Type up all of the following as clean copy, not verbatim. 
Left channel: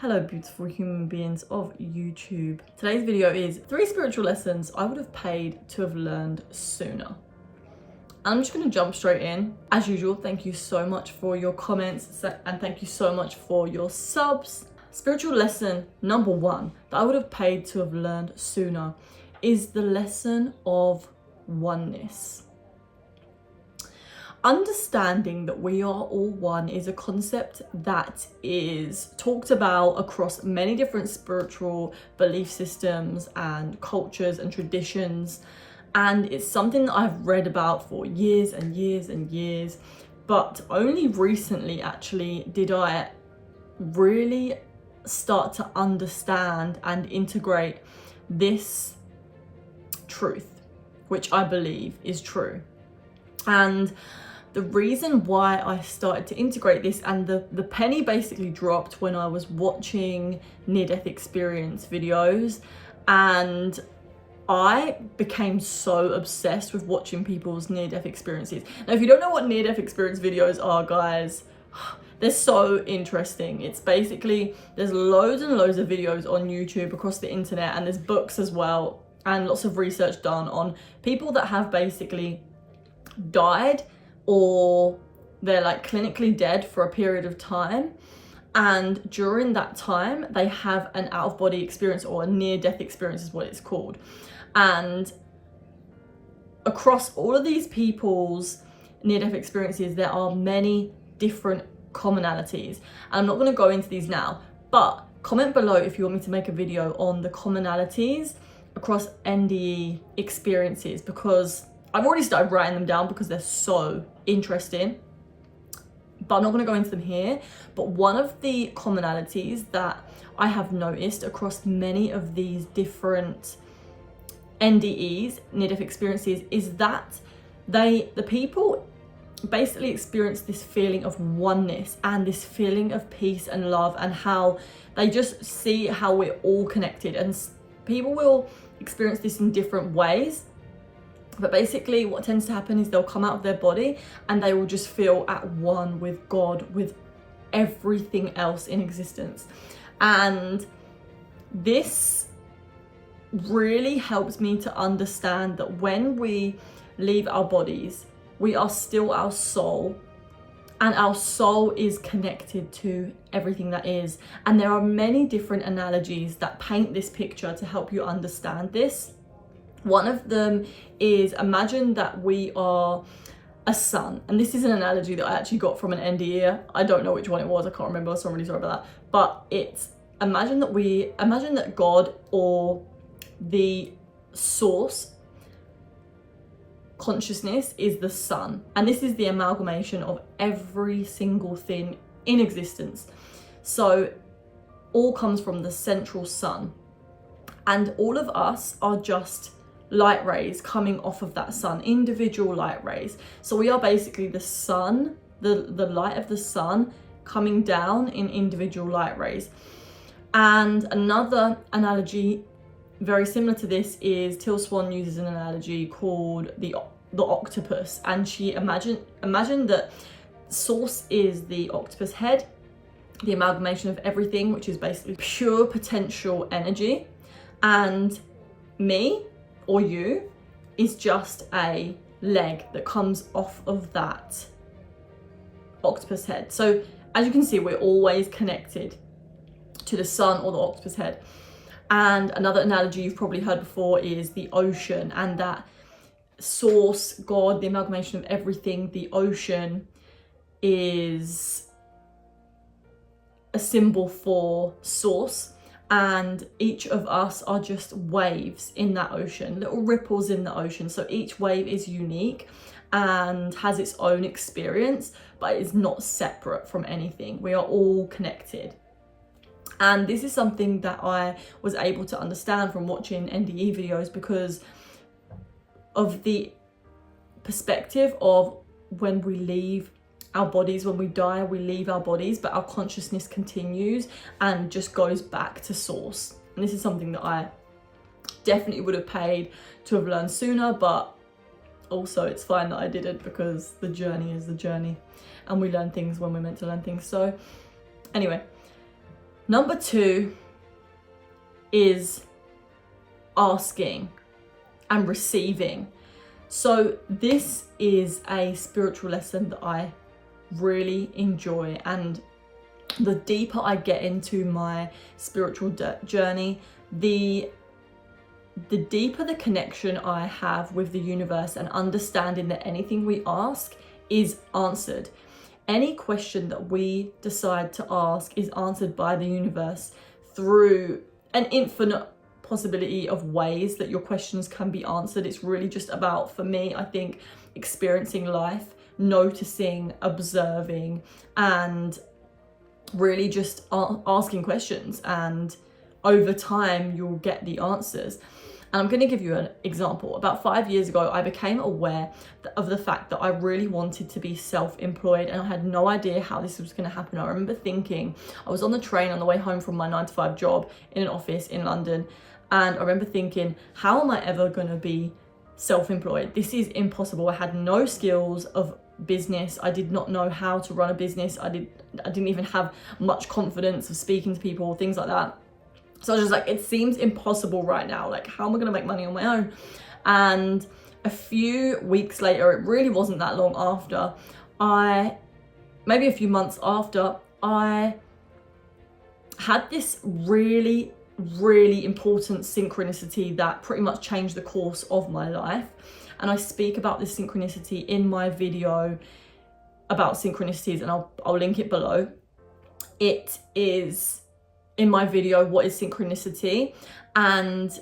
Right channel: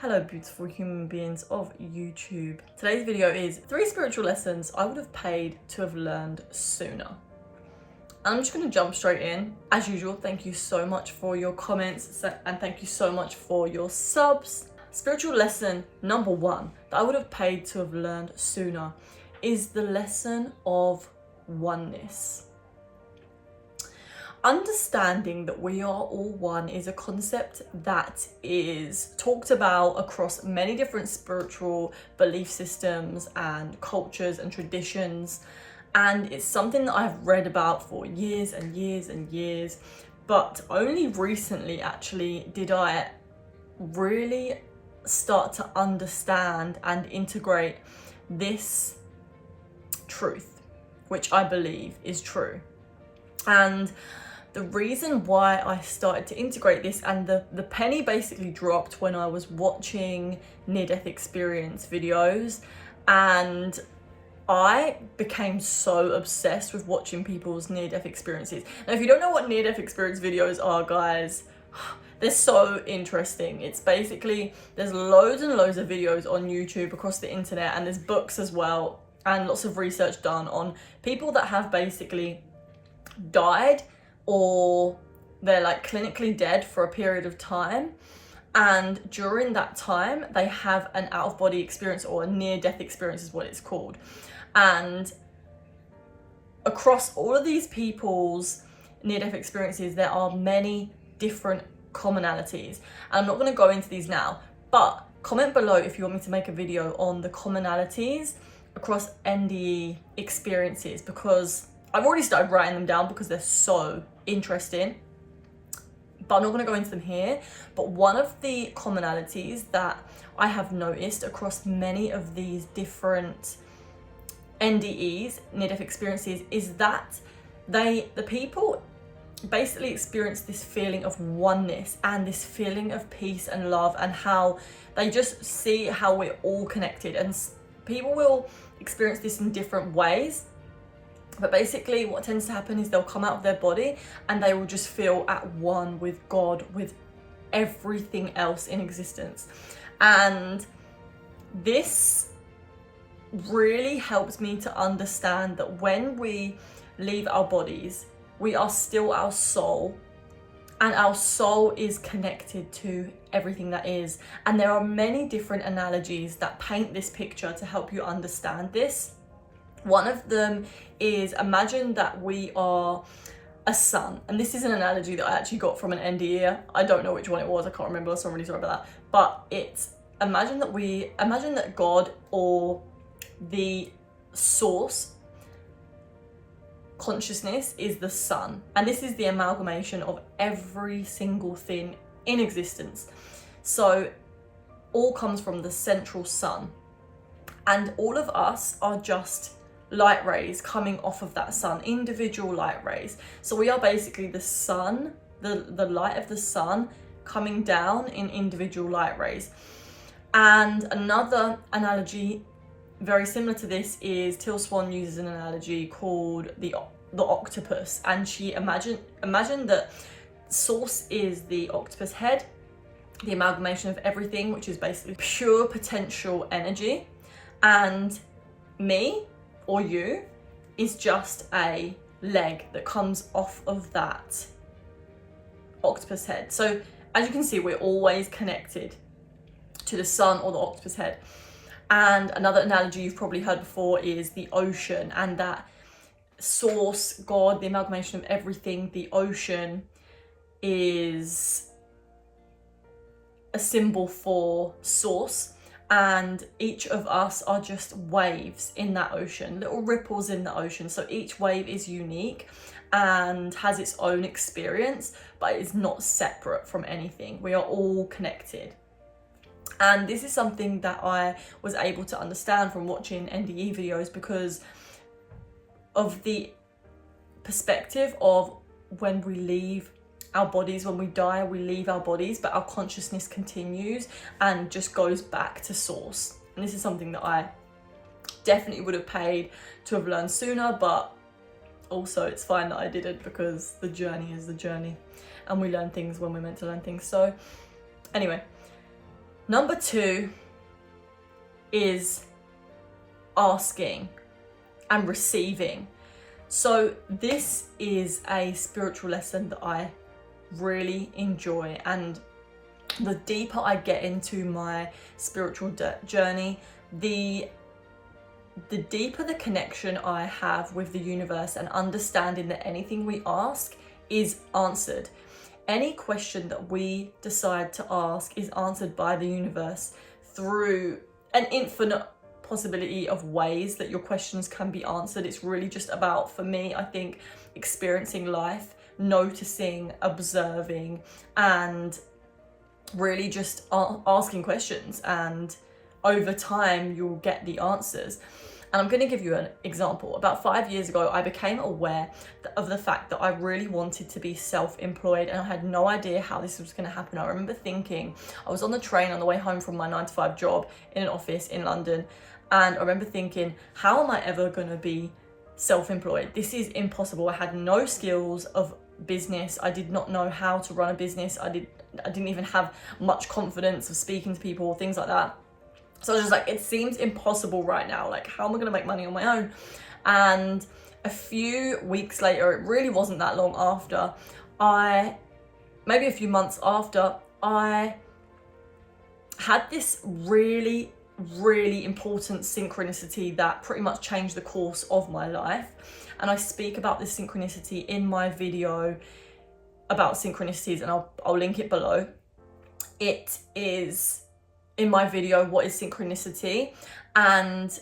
Hello beautiful human beings of YouTube. Today's video is 3 spiritual lessons I would have paid to have learned sooner. I'm just going to jump straight in. As usual, thank you so much for your comments and thank you so much for your subs. Spiritual lesson number 1 that I would have paid to have learned sooner is the lesson of oneness. Understanding that we are all one is a concept that is talked about across many different spiritual belief systems and cultures and traditions, and it's something that I've read about for years and years and years, but only recently actually did I really start to understand and integrate this truth, which I believe is true. And the reason why I started to integrate this, and the penny basically dropped when I was watching near-death experience videos, and I became so obsessed with watching people's near-death experiences. Now, if you don't know what near-death experience videos are, guys, they're so interesting. It's basically, there's loads and loads of videos on YouTube across the internet, and there's books as well, and lots of research done on people that have basically died or they're like clinically dead for a period of time, and during that time they have an out-of-body experience, or a near-death experience is what it's called. And across all of these people's near-death experiences there are many different commonalities, and I'm not going to go into these now, but comment below if you want me to make a video on the commonalities across NDE experiences, because I've already started writing them down because they're so interesting, but I'm not going to go into them here. But one of the commonalities that I have noticed across many of these different NDEs, near-death experiences, is that the people basically experience this feeling of oneness and this feeling of peace and love, and how they just see how we're all connected. And people will experience this in different ways. But basically what tends to happen is they'll come out of their body and they will just feel at one with God, with everything else in existence. And this really helps me to understand that when we leave our bodies, we are still our soul, and our soul is connected to everything that is. And there are many different analogies that paint this picture to help you understand this. One of them is, imagine that we are a sun, and this is an analogy that I actually got from an NDE. I don't know which one it was, I can't remember, so I'm really sorry about that. But it's, imagine that God, or the source consciousness, is the sun, and this is the amalgamation of every single thing in existence. So all comes from the central sun, and all of us are just light rays coming off of that sun, individual light rays. So we are basically the sun, the light of the sun coming down in individual light rays. And another analogy very similar to this is Till Swan uses an analogy called the octopus, and she imagine that source is the octopus head, the amalgamation of everything, which is basically pure potential energy, and me, or you, is just a leg that comes off of that octopus head. So as you can see, we're always connected to the sun or the octopus head. And another analogy you've probably heard before is the ocean, and that source, God, the amalgamation of everything, the ocean, is a symbol for source. And each of us are just waves in that ocean, little ripples in the ocean. So each wave is unique and has its own experience, but is not separate from anything. We are all connected. And this is something that I was able to understand from watching NDE videos, because of the perspective of when we leave our bodies, when we die, we leave our bodies, but our consciousness continues and just goes back to source. And this is something that I definitely would have paid to have learned sooner, but also it's fine that I didn't, because the journey is the journey and we learn things when we're meant to learn things. So anyway, Number 2 is asking and receiving. So this is a spiritual lesson that I really enjoy, and the deeper I get into my spiritual journey, the deeper the connection I have with the universe, and understanding that anything we ask is answered. Any question that we decide to ask is answered by the universe through an infinite possibility of ways that your questions can be answered. It's really just about, for me, I think, experiencing life, noticing, observing, and really just asking questions, and over time you'll get the answers. And I'm going to give you an example. About 5 years ago, I became aware of the fact that I really wanted to be self-employed, and I had no idea how this was going to happen. I remember thinking, I was on the train on the way home from my 9-to-5 job in an office in London, and I remember thinking, how am I ever going to be self-employed? This is impossible. I had no skills of business. I did not know how to run a business. I didn't even have much confidence of speaking to people, things like that. So I was just like, it seems impossible right now. Like, how am I going to make money on my own? And a few weeks later, it really wasn't that long after, maybe a few months after, I had this really, really important synchronicity that pretty much changed the course of my life. And I speak about this synchronicity in my video about synchronicities, and I'll link it below. It is in my video, What is Synchronicity? And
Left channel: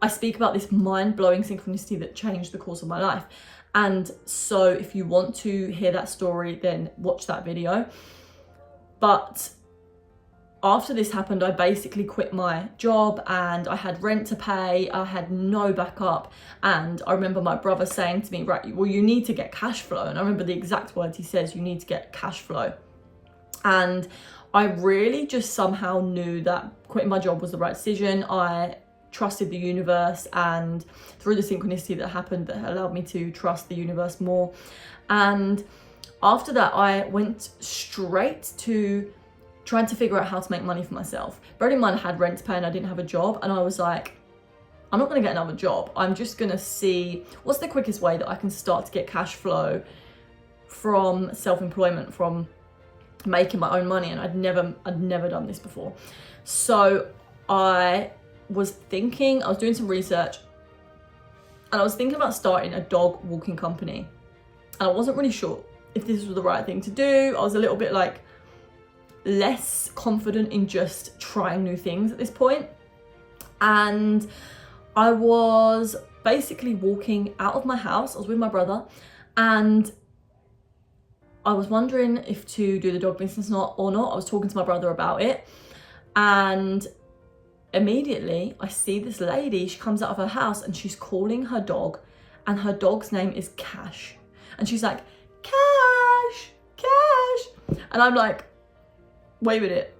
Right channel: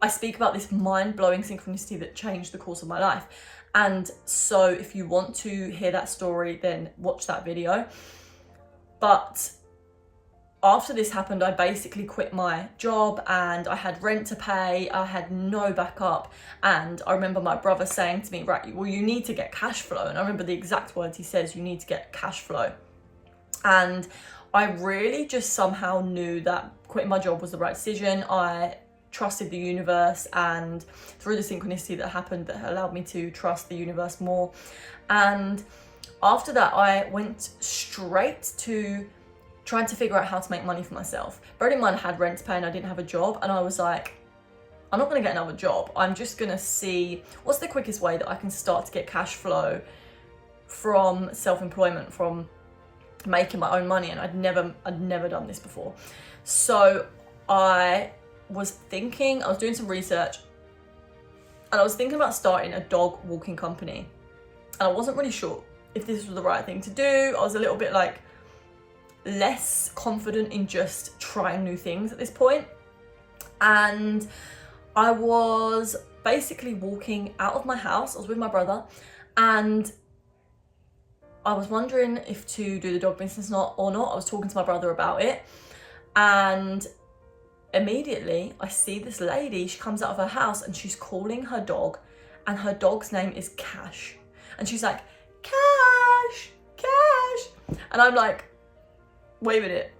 I speak about this mind-blowing synchronicity that changed the course of my life. And so if you want to hear that story, then watch that video. But after this happened, I basically quit my job, and I had rent to pay. I had no backup. And I remember my brother saying to me, right, well, you need to get cash flow. And I remember the exact words he says, you need to get cash flow. And I really just somehow knew that quitting my job was the right decision. I trusted the universe, and through the synchronicity that happened, that allowed me to trust the universe more. And after that, I went straight to trying to figure out how to make money for myself. Bearing in mind, I had rent to pay and I didn't have a job, and I was like, I'm not going to get another job. I'm just going to see what's the quickest way that I can start to get cash flow from self-employment, from making my own money. And I'd never done this before. So I was doing some research, and I was thinking about starting a dog walking company. And I wasn't really sure if this was the right thing to do. I was a little bit like less confident in just trying new things at this point. And I was basically walking out of my house. I was with my brother, and I was wondering if to do the dog business or not. I was talking to my brother about it, and immediately I see this lady. She comes out of her house and she's calling her dog, and her dog's name is Cash. And she's like, Cash, Cash. And I'm like, wait a minute,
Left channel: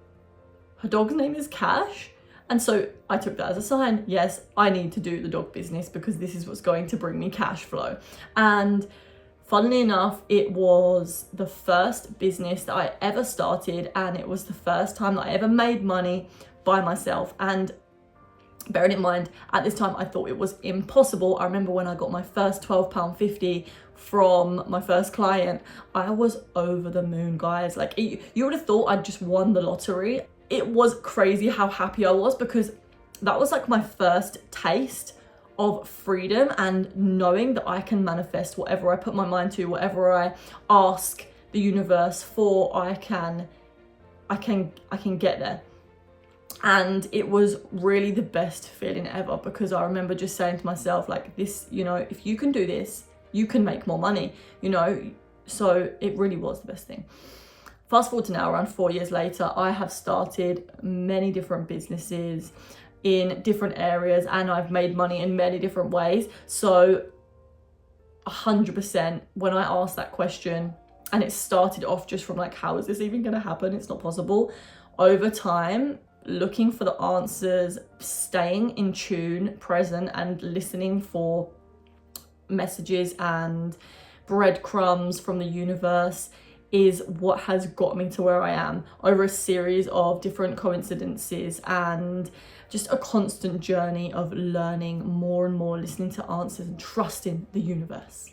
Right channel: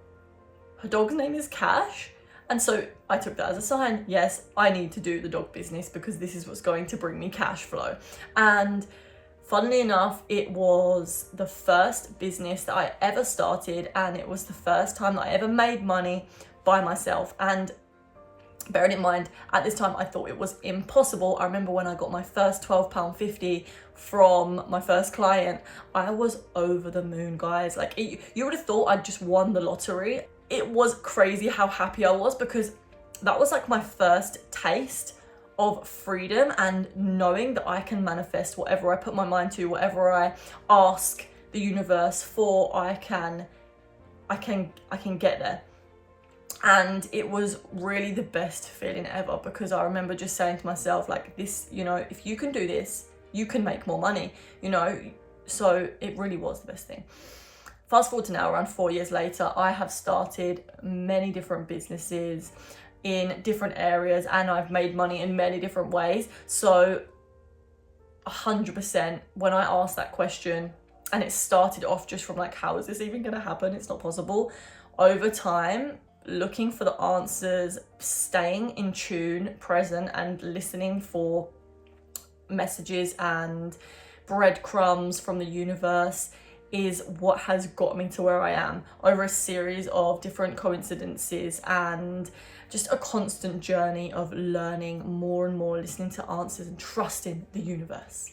her dog's name is Cash? And so I took that as a sign. Yes, I need to do the dog business because this is what's going to bring me cash flow. And funnily enough, it was the first business that I ever started, and it was the first time that I ever made money by myself. And bearing in mind, at this time, I thought it was impossible. I remember when I got my first £12.50 from my first client, I was over the moon, guys. Like, you would have thought I'd just won the lottery. It was crazy how happy I was, because that was like my first taste of freedom, and knowing that I can manifest whatever I put my mind to, whatever I ask the universe for, I can get there. And it was really the best feeling ever, because I remember just saying to myself, like, this, you know, if you can do this, you can make more money, you know. So it really was the best thing. Fast forward to now, around 4 years later, I have started many different businesses in different areas, and I've made money in many different ways. So 100%, when I asked that question, and it started off just from like, how is this even going to happen? It's not possible. Over time, looking for the answers, staying in tune, present, and listening for messages and breadcrumbs from the universe, is what has got me to where I am over a series of different coincidences and just a constant journey of learning more and more, listening to answers and trusting the universe.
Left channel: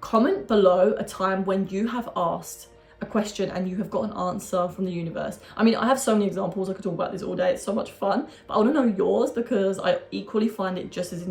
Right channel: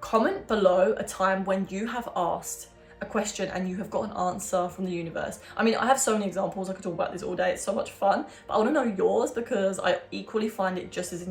Comment below a time when you have asked a question and you have got an answer from the universe. I mean, I have so many examples, I could talk about this all day, it's so much fun, but I want to know yours because I equally find it just as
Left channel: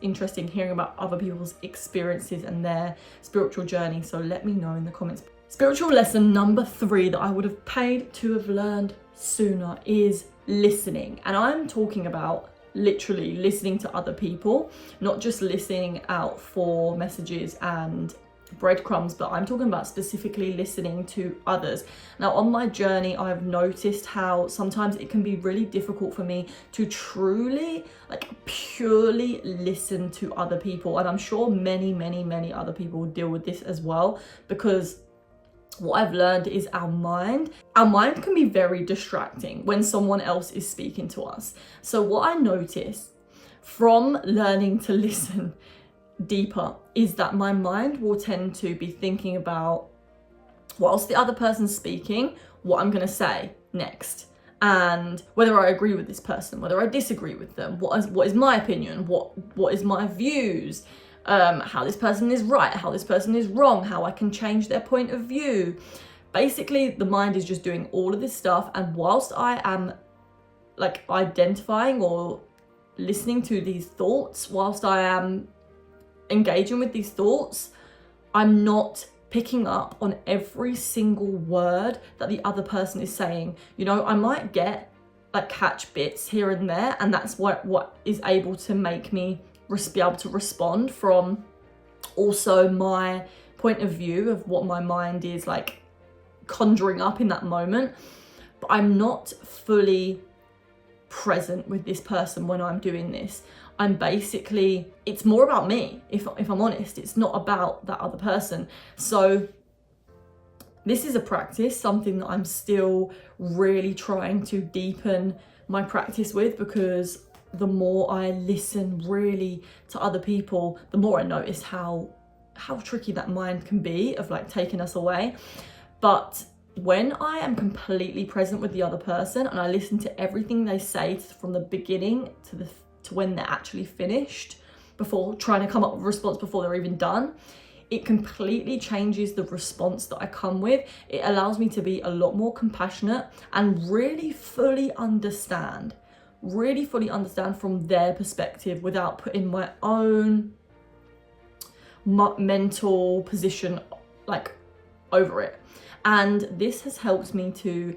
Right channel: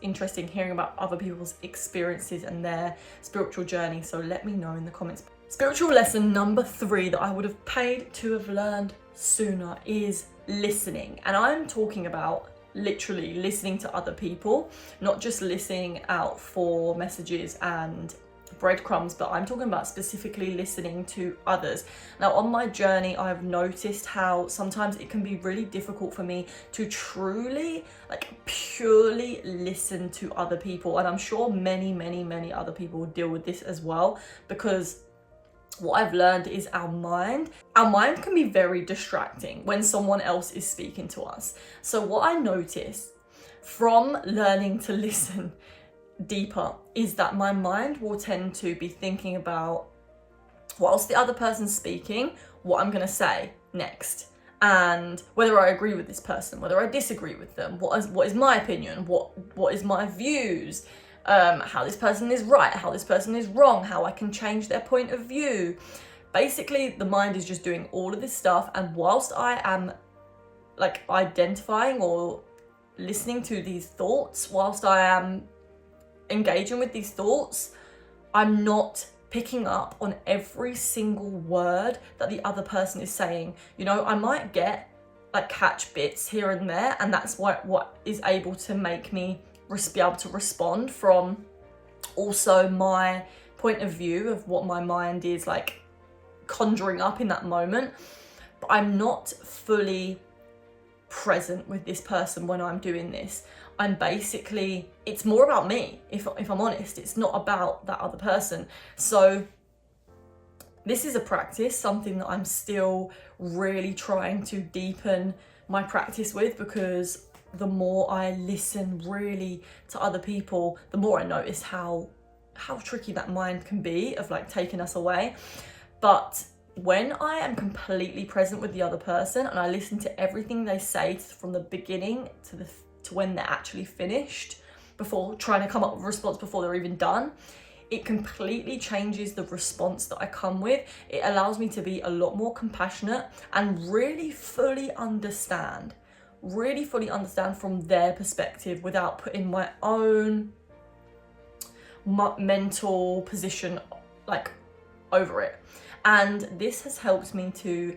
interesting hearing about other people's experiences and their spiritual journey. So let me know in the comments. Spiritual lesson number 3 that I would have paid to have learned sooner is listening. And I'm talking about literally listening to other people, not just listening out for messages and breadcrumbs, but I'm talking about specifically listening to others. Now, on my journey, I've noticed how sometimes it can be really difficult for me to truly, like, purely listen to other people. And I'm sure many other people deal with this as well, because what I've learned is our mind can be very distracting when someone else is speaking to us. So what I noticed from learning to listen deeper is that my mind will tend to be thinking about, whilst the other person's speaking, what I'm going to say next, and whether I agree with this person, whether I disagree with them, what is my opinion, what is my views, how this person is right, how this person is wrong, how I can change their point of view. Basically, the mind is just doing all of this stuff, and whilst I am like identifying or listening to these thoughts, whilst I am engaging with these thoughts, I'm not picking up on every single word that the other person is saying. You know, I might get like catch bits here and there, and that's what is able to make me be able to respond from also my point of view of what my mind is like conjuring up in that moment. But I'm not fully present with this person when I'm doing this. I'm basically, it's more about me, if I'm honest. It's not about that other person. So this is a practice, something that I'm still really trying to deepen my practice with, because the more I listen really to other people, the more I notice how tricky that mind can be of like taking us away. But when I am completely present with the other person and I listen to everything they say from the beginning to when they're actually finished, before trying to come up with a response before they're even done, it completely changes the response that I come with. It allows me to be a lot more compassionate and really fully understand from their perspective without putting my own mental position like over it. And this has helped me to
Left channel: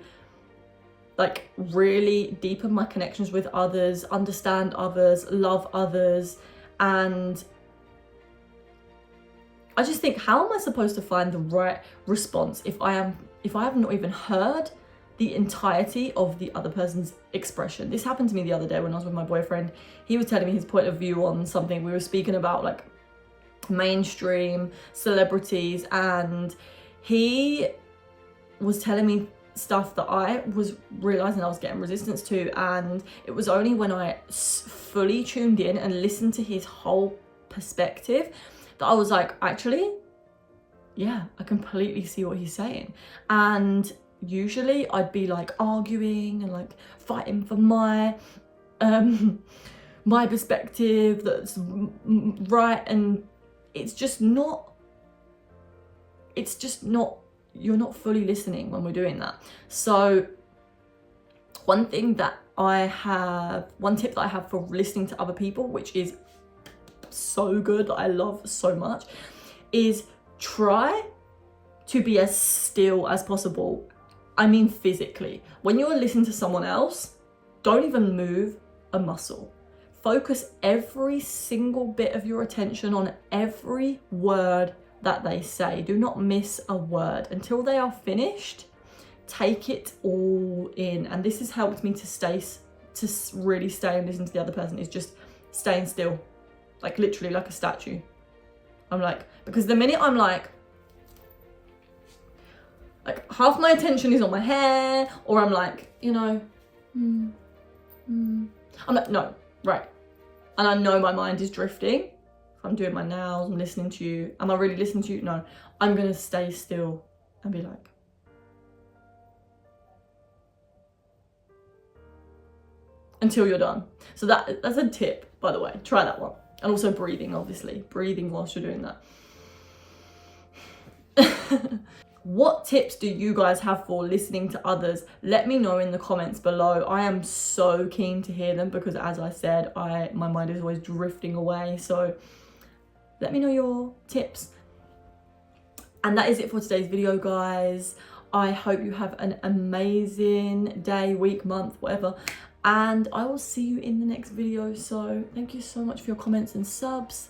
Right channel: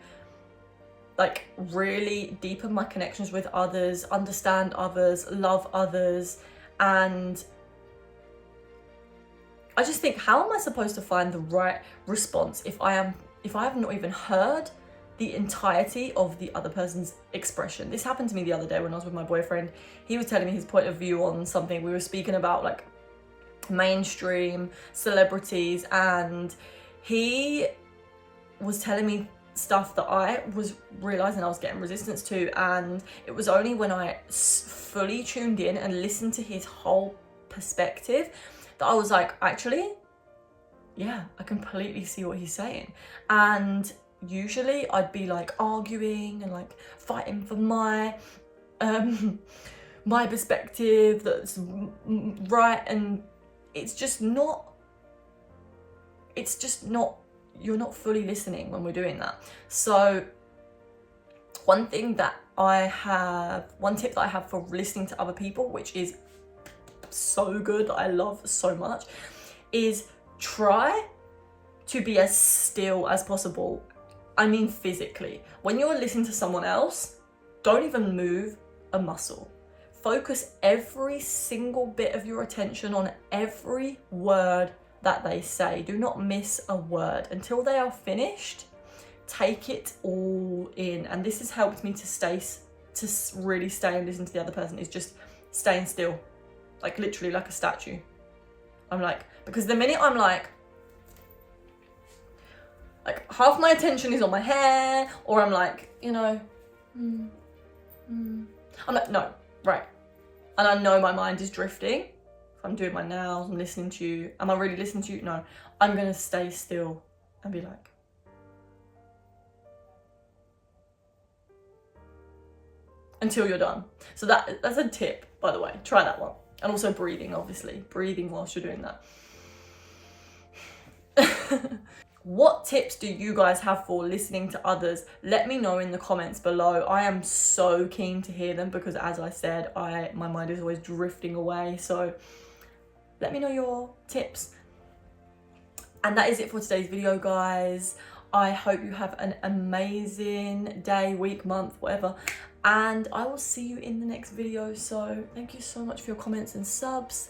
like really deepen my connections with others, understand others, love others. And I just think, how am I supposed to find the right response if I have not even heard the entirety of the other person's expression? This happened to me the other day when I was with my boyfriend. He was telling me his point of view on something. We were speaking about like mainstream celebrities, and he was telling me stuff that I was realizing I was getting resistance to, and it was only when I fully tuned in and listened to his whole perspective that I was like, actually, yeah, I completely see what he's saying. And usually I'd be like arguing and like fighting for my my perspective that's right, and it's just not you're not fully listening when we're doing that. So one tip that I have for listening to other people, which is so good, that I love so much, is try to be as still as possible. I mean physically. When you're listening to someone else, don't even move a muscle. Focus every single bit of your attention on every word that they say. Do not miss a word until they are finished. Take it all in. And this has helped me to really stay and listen to the other person, is just staying still, like literally like a statue. I'm like, because the minute I'm like half my attention is on my hair, or I'm like, you know, I'm like, no, right. And I know my mind is drifting. I'm doing my nails, I'm listening to you. Am I really listening to you? No, I'm gonna stay still and be like, until you're done. So that's a tip, by the way. Try that one. And also breathing, obviously. Breathing whilst you're doing that. What tips do you guys have for listening to others? Let me know in the comments below. I am so keen to hear them because, as I said, my mind is always drifting away. So let me know your tips. And that is it for today's video, guys. I hope you have an amazing day, week, month, whatever. And I will see you in the next video. So thank you so much for your comments and subs.